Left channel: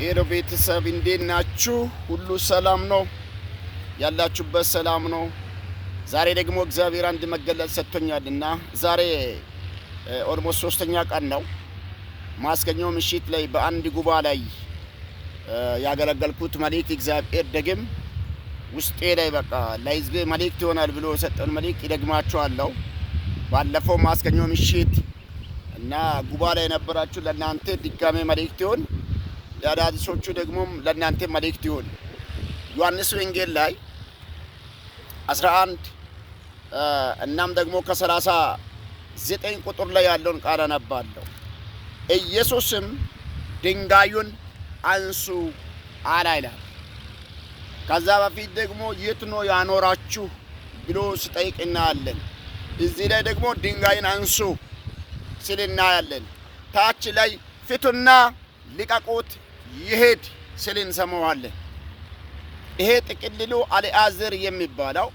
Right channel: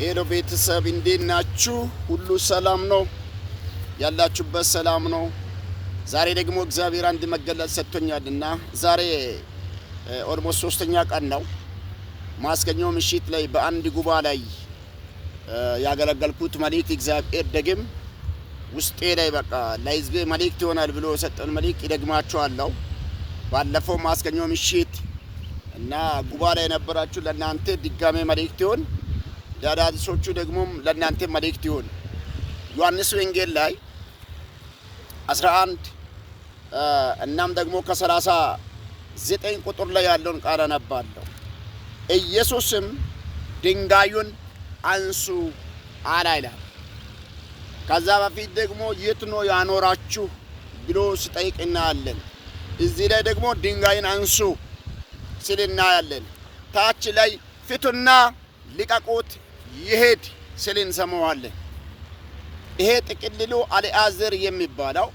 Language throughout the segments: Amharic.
ሄሎ ቤተሰብ እንዴት ናችሁ? ሁሉ ሰላም ነው? ያላችሁበት ሰላም ነው? ዛሬ ደግሞ እግዚአብሔር አንድ መገለጥ ሰጥቶኛልና ዛሬ ኦልሞስት 3ኛ ቀን ነው። ማስገኘው ምሽት ላይ በአንድ ጉባኤ ላይ ያገለገልኩት መልእክት እግዚአብሔር ደግም ውስጤ ላይ በቃ ለሕዝብ መልእክት ይሆናል ብሎ ሰጠን መልእክት ደግማችኋለሁ። ባለፈው ማስገኘው ምሽት እና ጉባኤ ላይ የነበራችሁ ለእናንተ ድጋሜ መልእክት ይሆን፣ ለአዳዲሶቹ ደግሞ ለእናንተ መልእክት ይሆን። ዮሐንስ ወንጌል ላይ 11 እናም ደግሞ ከ39 ቁጥር ላይ ያለውን ቃል አነባለሁ። ኢየሱስም ድንጋዩን አንሱ አለ ይላል። ከዛ በፊት ደግሞ የት ነው ያኖራችሁ ብሎ ሲጠይቅ እናያለን። እዚህ ላይ ደግሞ ድንጋይን አንሱ ሲል እናያለን። ታች ላይ ፍቱና ልቀቁት ይሄድ ሲል እንሰማዋለን። ይሄ ጥቅልሉ አልዓዛር የሚባለው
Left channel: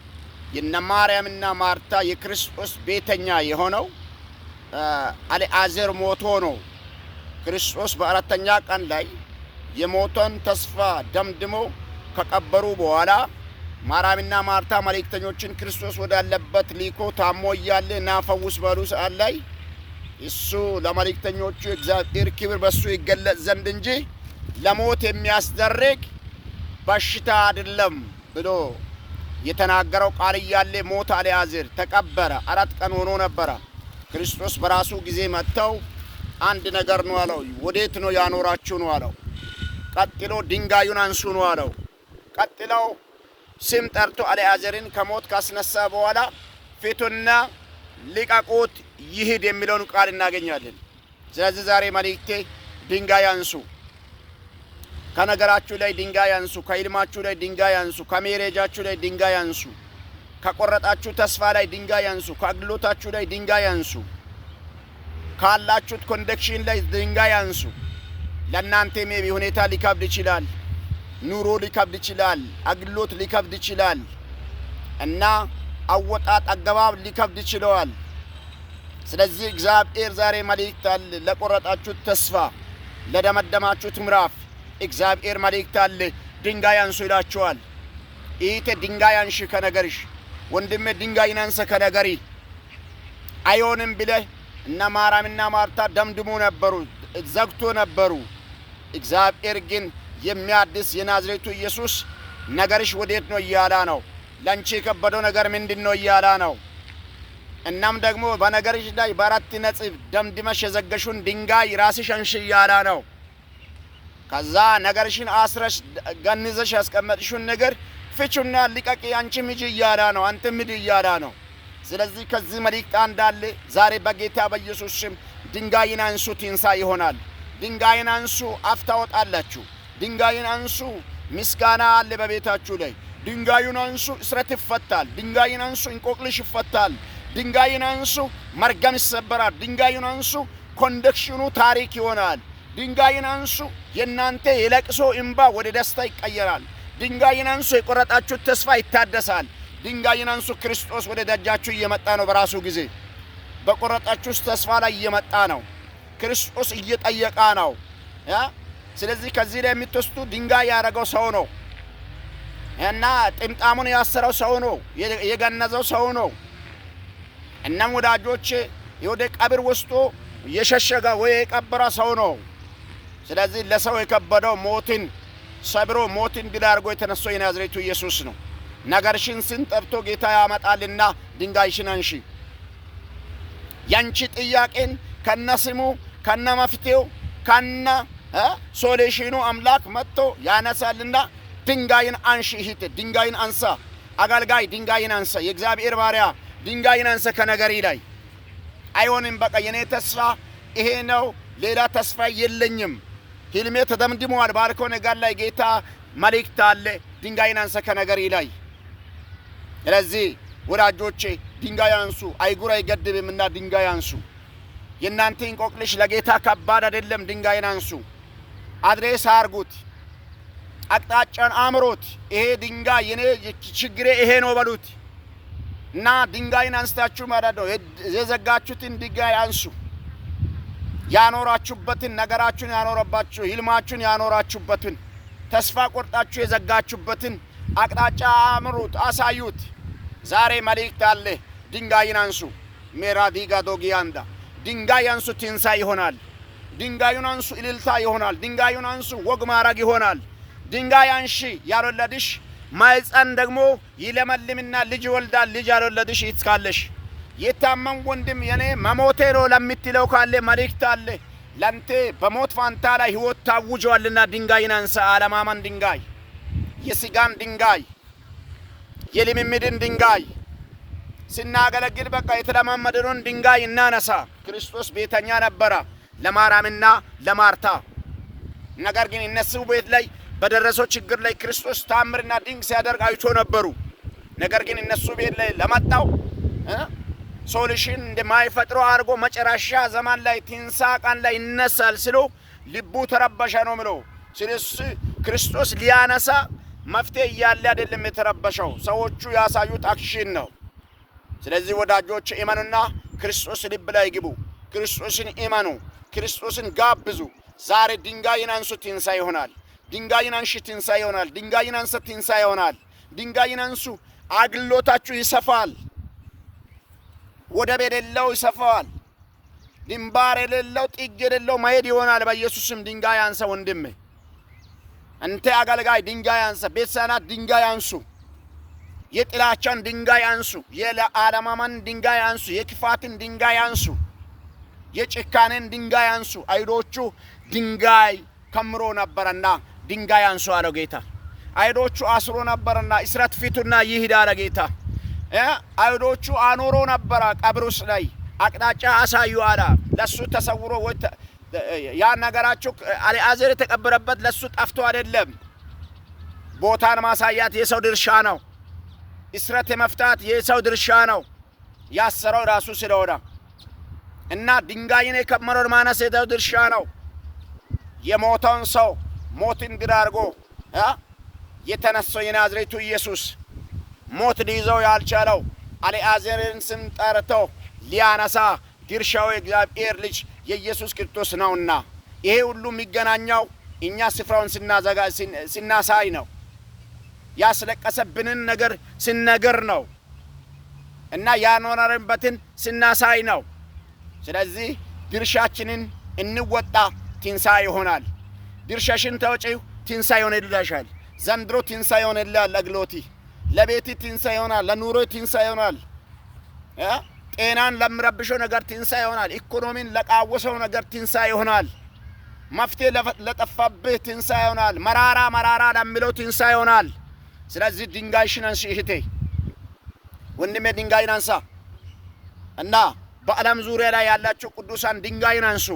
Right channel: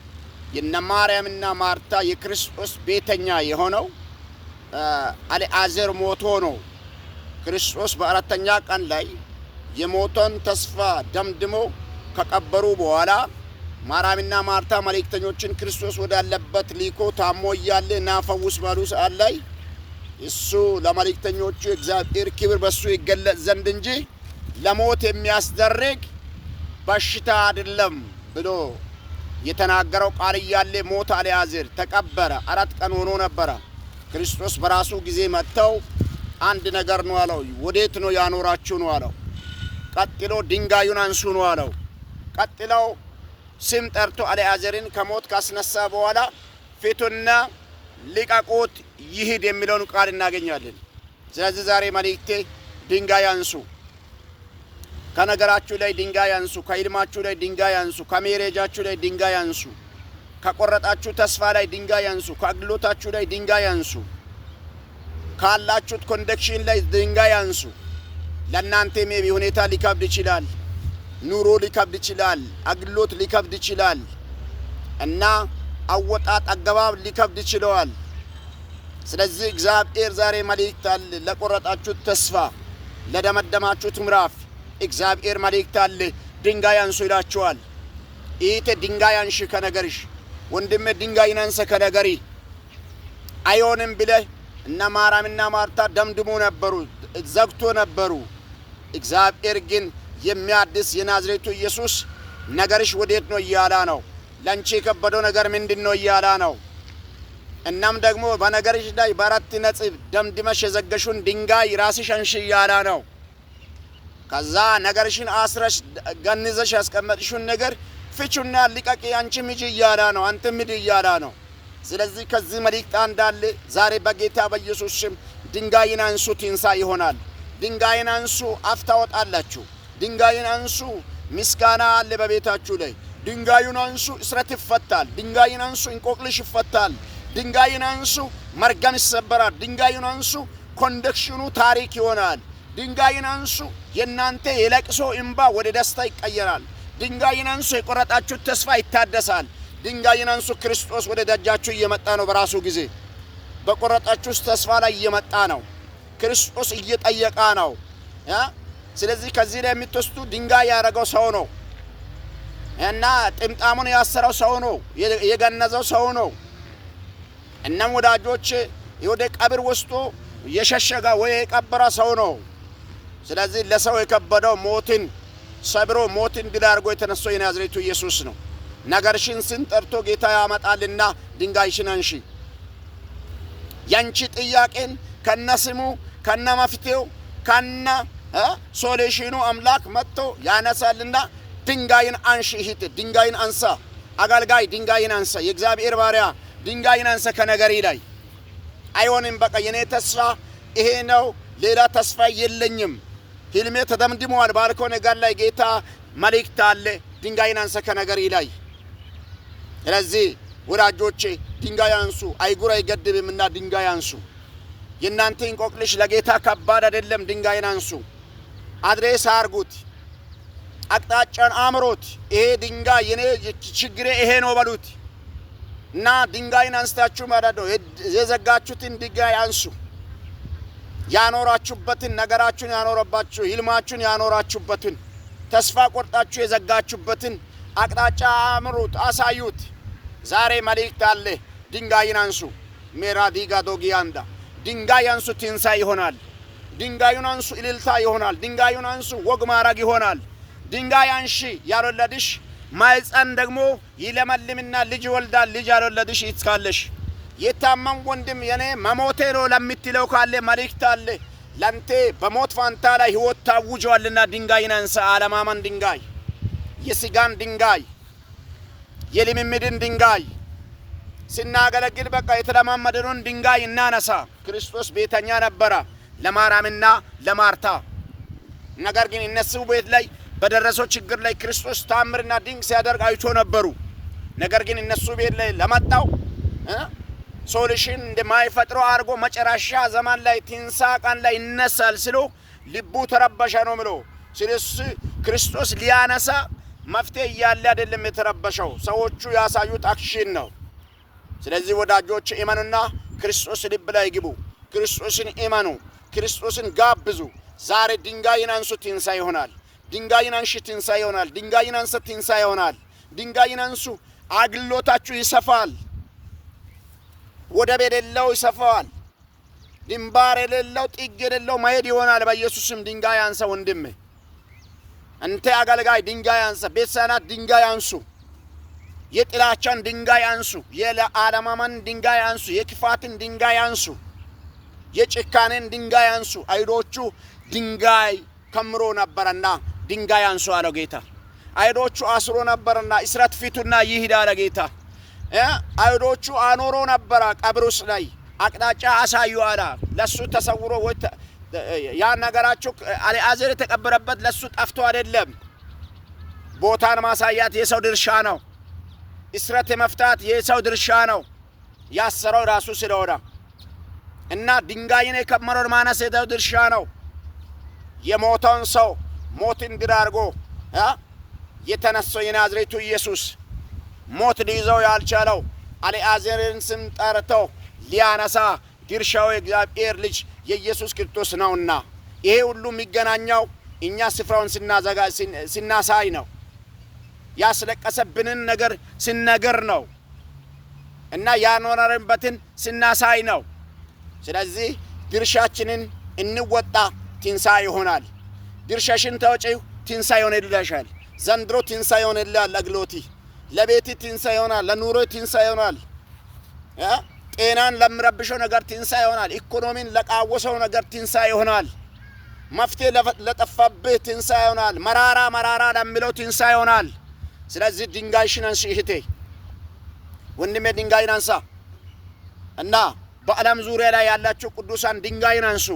የነ ማርያምና ማርታ የክርስቶስ ቤተኛ የሆነው አልዓዛር ሞቶ ነው። ክርስቶስ በአራተኛ ቀን ላይ የሞተን ተስፋ ደምድሞ ከቀበሩ በኋላ ማርያምና ማርታ መልእክተኞችን ክርስቶስ ወዳለበት ሊኮ ታሞ እያለ ና ፈውስ ባሉ ሰዓት ላይ እሱ ለመልእክተኞቹ እግዚአብሔር ክብር በሱ ይገለጽ ዘንድ እንጂ ለሞት የሚያስደርግ በሽታ አይደለም ብሎ የተናገረው ቃል እያለ ሞተ። አልዓዛር ተቀበረ። 4 ቀን ሆኖ ነበረ። ክርስቶስ በራሱ ጊዜ መጥተው አንድ ነገር ነው አለው። ወዴት ነው ያኖራችሁ ነው አለው። ቀጥሎ ድንጋዩን አንሱ ነው አለው። ቀጥለው ስም ጠርቶ አልዓዛርን ከሞት ካስነሳ በኋላ ፊቱና ልቀቁት ይሂድ የሚለውን ቃል እናገኛለን። ስለዚህ ዛሬ መልእክቴ ድንጋይ አንሱ፣ ከነገራችሁ ላይ ድንጋይ አንሱ፣ ከኢልማችሁ ላይ ድንጋይ አንሱ፣ ከሜሬጃችሁ ላይ ድንጋይ አንሱ፣ ከቆረጣችሁ ተስፋ ላይ ድንጋይ አንሱ፣ ከአገልግሎታችሁ ላይ ድንጋይ አንሱ፣ ካላችሁት ኮንደክሽን ላይ ድንጋይ አንሱ። ለእናንተ ሜቢ ሁኔታ ሊከብድ ይችላል፣ ኑሮ ሊከብድ ይችላል፣ አገልግሎት ሊከብድ ይችላል እና አወጣጥ አገባብ ሊከብድ ይችላል። ስለዚህ እግዚአብሔር ዛሬ መልእክት አለ። ለቆረጣችሁት ተስፋ፣ ለደመደማችሁት ምዕራፍ እግዚአብሔር መልእክት አለ። ድንጋይ አንሱ ይላችኋል። እህቴ ድንጋይ አንሺ ከነገርሽ፣ ወንድሜ ድንጋይ አንሳ ከነገሪ። አይሆንም ብለህ እነ ማርያምና ማርታ ደምድሞ ነበሩ፣ ዘግቶ ነበሩ። እግዚአብሔር ግን የሚያድስ የናዝሬቱ ኢየሱስ ነገርሽ ወዴት ነው እያላ ነው። ለንቺ የከበደው ነገር ምንድን ነው እያላ ነው። እናም ደግሞ በነገርሽ ላይ በአራት ነጥብ ደምድመሽ የዘገሹን ድንጋይ ራስሽ አንሺ እያላ ነው። ከዛ ነገርሽን አስረሽ ገንዘሽ ያስቀመጥሽውን ነገር ፍቹና ልቀቂ፣ አንቺ ምጂ እያላ ነው፣ አንተ ምድ እያላ ነው። ስለዚህ ከዚህ መልእክት አንዳለ ዛሬ በጌታ በኢየሱስ ስም ድንጋይን አንሱ፣ ትንሣኤ ይሆናል። ድንጋይን አንሱ፣ አፍ ታወጣላችሁ። ድንጋይን አንሱ፣ ምስጋና አለ በቤታችሁ ላይ። ድንጋዩን አንሱ፣ እስረት ይፈታል። ድንጋይን አንሱ፣ እንቆቅልሽ ይፈታል። ድንጋይን አንሱ፣ መርገም ይሰበራል። ድንጋዩን አንሱ፣ ኮንደክሽኑ ታሪክ ይሆናል። ድንጋይን አንሱ፣ የእናንተ የለቅሶ እንባ ወደ ደስታ ይቀየራል። ድንጋይን አንሱ፣ የቆረጣችሁ ተስፋ ይታደሳል። ድንጋይን አንሱ፣ ክርስቶስ ወደ ደጃችሁ እየመጣ ነው። በራሱ ጊዜ በቆረጣችሁ ተስፋ ላይ እየመጣ ነው። ክርስቶስ እየጠየቃ ነው። ስለዚህ ከዚህ ላይ የምትወስዱ ድንጋይ ያደረገው ሰው ነው እና ጥምጣሙን ያሰረው ሰው ነው፣ የገነዘው ሰው ነው። እናም ወዳጆች ወደ ቀብር ወስዶ የሸሸጋ ወይ የቀበረ ሰው ነው። ስለዚህ ለሰው የከበደው ሞትን ሰብሮ ሞትን ድል አድርጎ የተነሳው የናዝሬቱ ኢየሱስ ነው። ነገርሽን ስንጠርቶ ጌታ ያመጣልና ድንጋይሽን አንሺ። ያንቺ ጥያቄን ከነስሙ ከነመፍትሄው ከነ ሶሉሽኑ አምላክ መጥቶ ያነሳልና ድንጋይን አንሺ። እህቴ ድንጋይን አንሳ። አገልጋይ ድንጋይን አንሳ። የእግዚአብሔር ባሪያ ድንጋይን አንሳ ከነገሪ ላይ። አይሆንም በቃ የኔ ተስፋ ይሄ ነው፣ ሌላ ተስፋ የለኝም፣ ህልሜ ተደምድመዋል ባልከው ነገር ላይ ጌታ መልእክት አለ። ድንጋይን አንሳ ከነገሪ ላይ። ስለዚህ ወዳጆቼ ድንጋይ አንሱ። አይጉር አይገድብምና ድንጋይ አንሱ። የእናንተ እንቆቅልሽ ለጌታ ከባድ አይደለም። ድንጋይን አንሱ። አድሬስ አርጉት፣ አቅጣጫን አምሮት። ይሄ ድንጋይ የኔ ችግሬ ይሄ ነው በሉት እና ድንጋይን አንስታችሁ ማለት ነው። የዘጋችሁትን ድንጋይ አንሱ። ያኖራችሁበትን ነገራችሁን ያኖረባችሁ ህልማችሁን ያኖራችሁበትን ተስፋ ቆርጣችሁ የዘጋችሁበትን አቅጣጫ አምሩት፣ አሳዩት። ዛሬ መልእክት አለ። ድንጋይን አንሱ። ሜራዲጋ ዶጊያንዳ ድንጋይ አንሱ፣ ትንሣኤ ይሆናል። ድንጋዩን አንሱ፣ እልልታ ይሆናል። ድንጋዩን አንሱ፣ ወግ ማረግ ይሆናል። ድንጋይ አንሺ ያልወለድሽ ማይፀን ደግሞ ይለመልምና ልጅ ይወልዳል። ልጅ ያልወለድሽ ይትካለሽ። የታመም ወንድም የኔ መሞቴ ነው ለምትለው ካለ መልእክት አለ። ለንቴ በሞት ፋንታ ላይ ህይወት ታውጇልና ድንጋይን አንሳ። አለማመን ድንጋይ፣ የስጋን ድንጋይ፣ የልምምድን ድንጋይ ስናገለግል በቃ የተለማመደውን ድንጋይ እናነሳ። ክርስቶስ ቤተኛ ነበረ ለማርያምና ለማርታ። ነገር ግን እነሱ ቤት ላይ በደረሰው ችግር ላይ ክርስቶስ ታምርና ድንቅ ሲያደርግ አይቶ ነበሩ። ነገር ግን እነሱ ቤት ላይ ለመጣው ሶሉሽን እንደማይፈጥሩ አድርጎ መጨረሻ ዘመን ላይ ትንሣኤ ቀን ላይ ይነሳል ስሎ ልቡ ተረበሸ ነው ምሎ። ስለዚህ ክርስቶስ ሊያነሳ መፍትሄ እያለ አይደለም የተረበሸው፣ ሰዎቹ ያሳዩት አክሽን ነው። ስለዚህ ወዳጆች እመኑና ክርስቶስ ልብ ላይ ግቡ። ክርስቶስን እመኑ፣ ክርስቶስን ጋብዙ። ዛሬ ድንጋይን አንሱ፣ ትንሣኤ ይሆናል። ድንጋይን አንሺ፣ ትንሣኤ ይሆናል። ድንጋይን አንሳ፣ ትንሣኤ ይሆናል። ድንጋይን አንሱ፣ አግሎታችሁ ይሰፋል። ወደብ የሌለው ይሰፋል። ድንባር የሌለው ጥግ የሌለው መሄድ ይሆናል። በኢየሱስም ድንጋይ አንሳ ወንድሜ፣ አንተ አገልጋይ ድንጋይ አንሳ። ቤተሰናት ድንጋይ አንሱ። የጥላቻን ድንጋይ አንሱ። የአለማመን ድንጋይ አንሱ። የክፋትን ድንጋይ አንሱ። የጭካኔን ድንጋይ አንሱ። አይሁዶቹ ድንጋይ ከምሮ ነበርና ድንጋይ አንሱ አለው ጌታ። አይሁዶቹ አስሮ ነበርና እስራት ፊቱና ይሂድ አለ ጌታ። አይሁዶቹ አኖሮ ነበረ ቀብሩስ ላይ አቅጣጫ አሳዩ አለ። ለሱ ተሰውሮ ወይ ያ ነገራቸው አልዓዛር የተቀበረበት ለሱ ጠፍቶ አይደለም። ቦታን ማሳያት የሰው ድርሻ ነው። እስራት የመፍታት የሰው ድርሻ ነው። ያሰረው ራሱ ስለሆነ እና ድንጋይን የከመረው ማነስ የሰው ድርሻ ነው። የሞተውን ሰው ሞትን ድል አድርጎ የተነሳው የናዝሬቱ ኢየሱስ ሞት ሊይዘው ያልቻለው አልዓዛርን ስም ጠርቶ ሊያነሳ ድርሻው የእግዚአብሔር ልጅ የኢየሱስ ክርስቶስ ነውና ይሄ ሁሉ የሚገናኘው እኛ ስፍራውን ስናሳይ ነው። ያስለቀሰብንን ነገር ስንነግር ነው እና ያኖረንበትን ስናሳይ ነው። ስለዚህ ድርሻችንን እንወጣ፣ ትንሣኤ ይሆናል። ድርሻሽን ተወጪው፣ ትንሣኤ ይሆንልሻል። ዘንድሮ ትንሣኤ ይሆንልሃል። ለግሎቲ ለቤቲ ትንሣኤ ይሆናል። ለኑሮ ትንሣኤ ይሆናል። ጤናን ለምረብሸው ነገር ትንሣኤ ይሆናል። ኢኮኖሚን ለቃወሰው ነገር ትንሣኤ ይሆናል። መፍትሄ ለጠፋብህ ትንሣኤ ይሆናል። መራራ ለሚለው ትንሣኤ ይሆናል። ስለዚህ ድንጋይሽን አንሺ እህቴ፣ ወንድሜ ድንጋይን አንሳ እና በዓለም ዙሪያ ላይ ያላችሁ ቅዱሳን ድንጋይን አንሱ።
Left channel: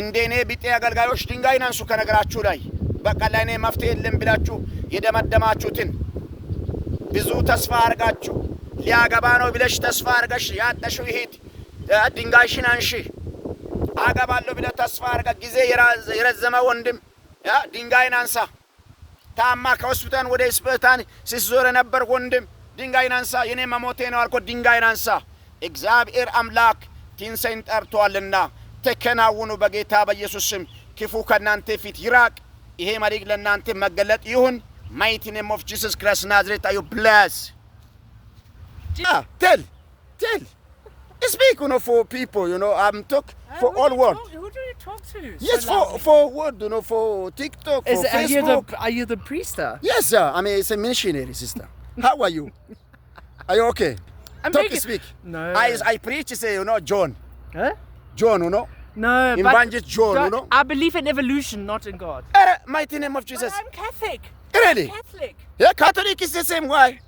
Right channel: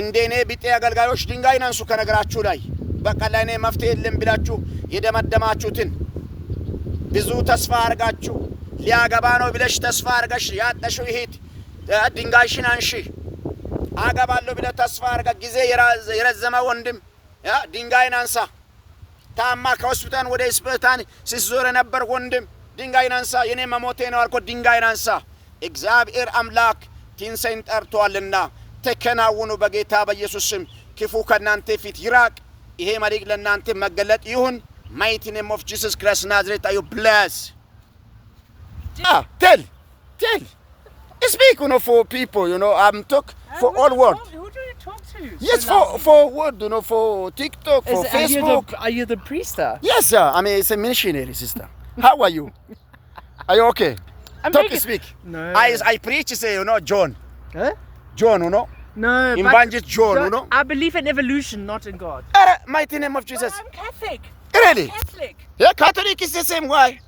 እንደኔ ቢጤ አገልጋዮች ድንጋይን አንሱ። ከነገራችሁ ላይ በቃ ለኔ መፍትሄ የለም ብላችሁ የደመደማችሁትን ብዙ ተስፋ አርጋችሁ ሊያገባ ነው ብለሽ ተስፋ አርጋሽ ያጠሽው ይሄድ ድንጋይሽን አንሺ። አገባለሁ ብለ ተስፋ አርጋ ጊዜ የረዘመ ወንድም ድንጋይን አንሳ። ታማ ከሆስፒታል ወደ ሆስፒታል ሲዞር ነበር ወንድም ድንጋይን አንሳ። የኔ መሞቴ ነው አልኮ ድንጋይን አንሳ። እግዚአብሔር አምላክ ትንሣኤን ጠርቷልና ተከናወኑ በጌታ በኢየሱስ ስም። ክፉ ከናንተ ፊት ይራቅ። ይሄ መልእክት ለናንተ መገለጥ ይሁን። mighty name of Jesus Christ Nazareth, are you blessed? Tell. Speak, for people, I'm talk for all world. Who do you talk to? Yes, for word, for TikTok, for Facebook. Are you the priester? Yes, sir. I mean, it's a missionary, sister. How are you? Are you okay? Speak. No. I preach, say, John. Huh? John, No, Evangelist John, I believe in evolution, not in God. Mighty name of Jesus. I'm Catholic. Really? Catholic. Yeah, Catholic is the same way.